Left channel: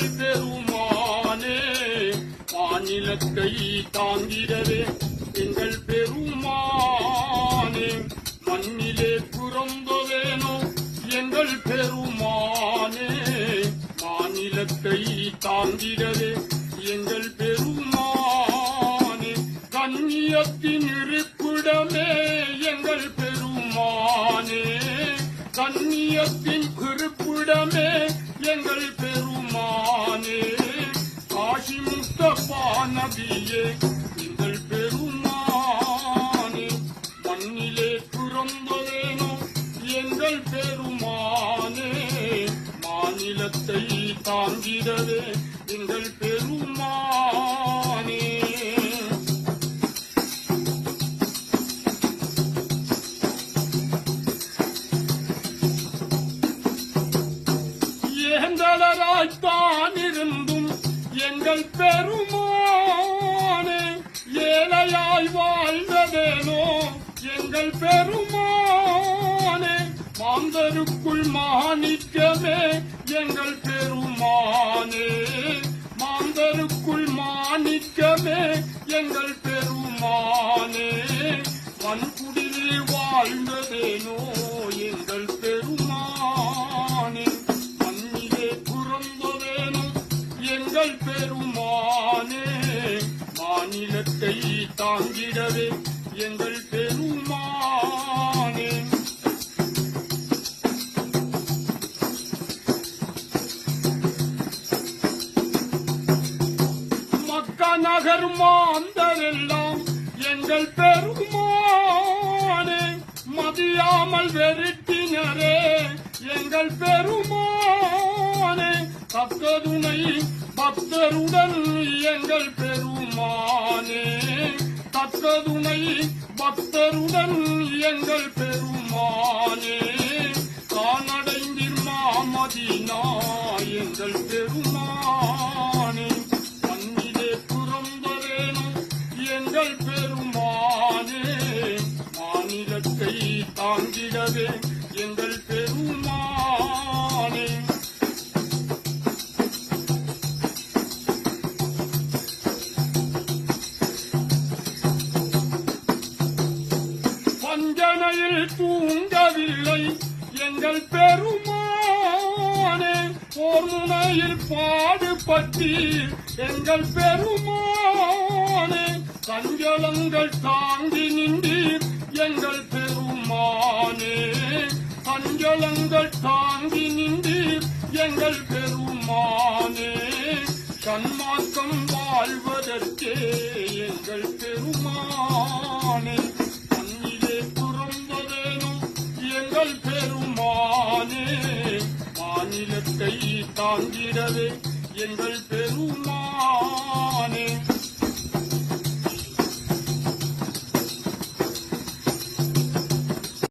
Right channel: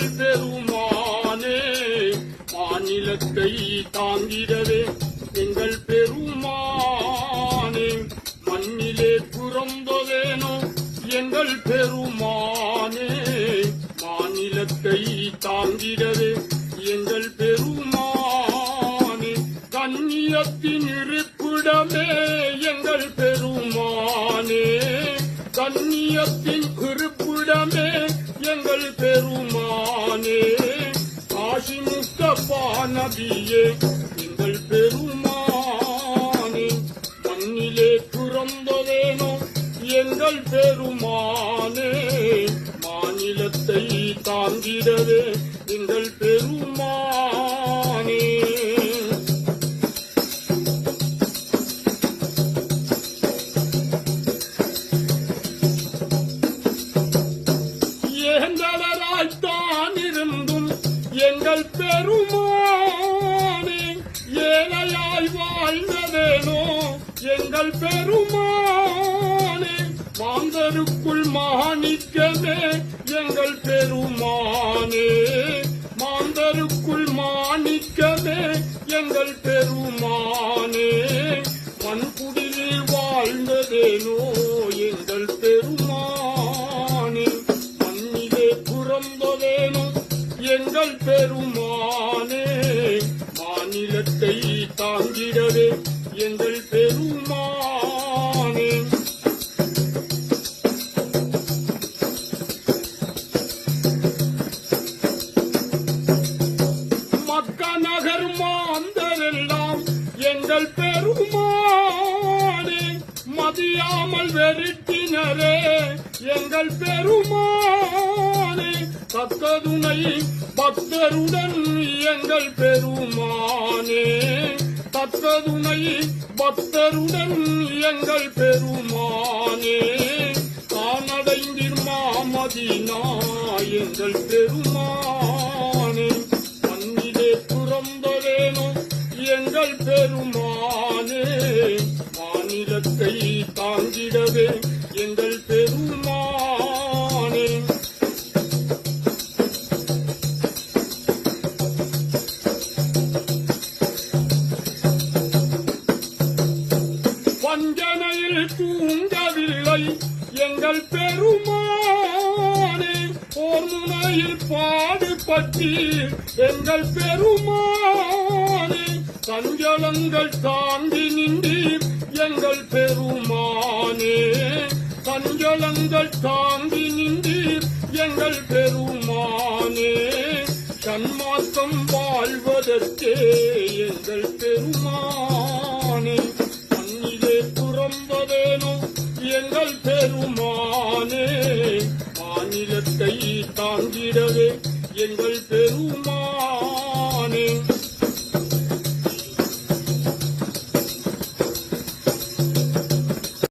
அருள் பெருமானே மாநிலத்தை தாங்கிடவே எங்கள் பெருமானே. மண்ணிலே புறம்ப வேணும் எங்கள் பெருமானே மாநிலத்தை தாங்கிடவே எங்கள் பெருமானே. கண்ணியத்தின் இருப்பிடமே எங்கள் பெருமானே கண்ணியத்தின் நபியே எங்கள் பெருமானே மண்ணிலே புறம்பவேனோ எங்கள் பெருமானே மாநிலத்தை தாங்கிடவே மாந்தருக்குள் மாணிக்கமே எங்கள் பெருமானே. மாந்தருக்குள் மாணிக்கமே எங்கள் பெருமானே. மண்குடியில் வாழ்ந்ததேனோ எங்கள் பெருமானே. மண்ணிலே புறந்ததேனோ எங்கள் பெருமானே. மாநிலத்தை தாங்கிடவே எங்கள் பெருமானே. எங்கள் பெருமானே கத்ததுணை பக்தருடன் எங்கள் பெருமானே. கத்ததுணை பக்தருடன் எங்கள் பெருமானே. காணடைந்திர் மாமதினா எங்கள் பெருமானே. மண்ணிலே புறம்பவேனும் எங்கள் பெருமானே. மாநிலத்தை தாங்கிடவே பெருமானே பாடுபட்டி எங்கள் பெருமானே கஞ்சலங்கள் தாங்கி நின்றி எங்கள் பெருமானே. கஞ்சலங்கள் தாங்கி நின்றி எங்கள் பெருமானே. கண்மாற்றம் வாழ்வதற்கே எங்கள் பெருமானே. மண்ணிலே புறம்பவேனும்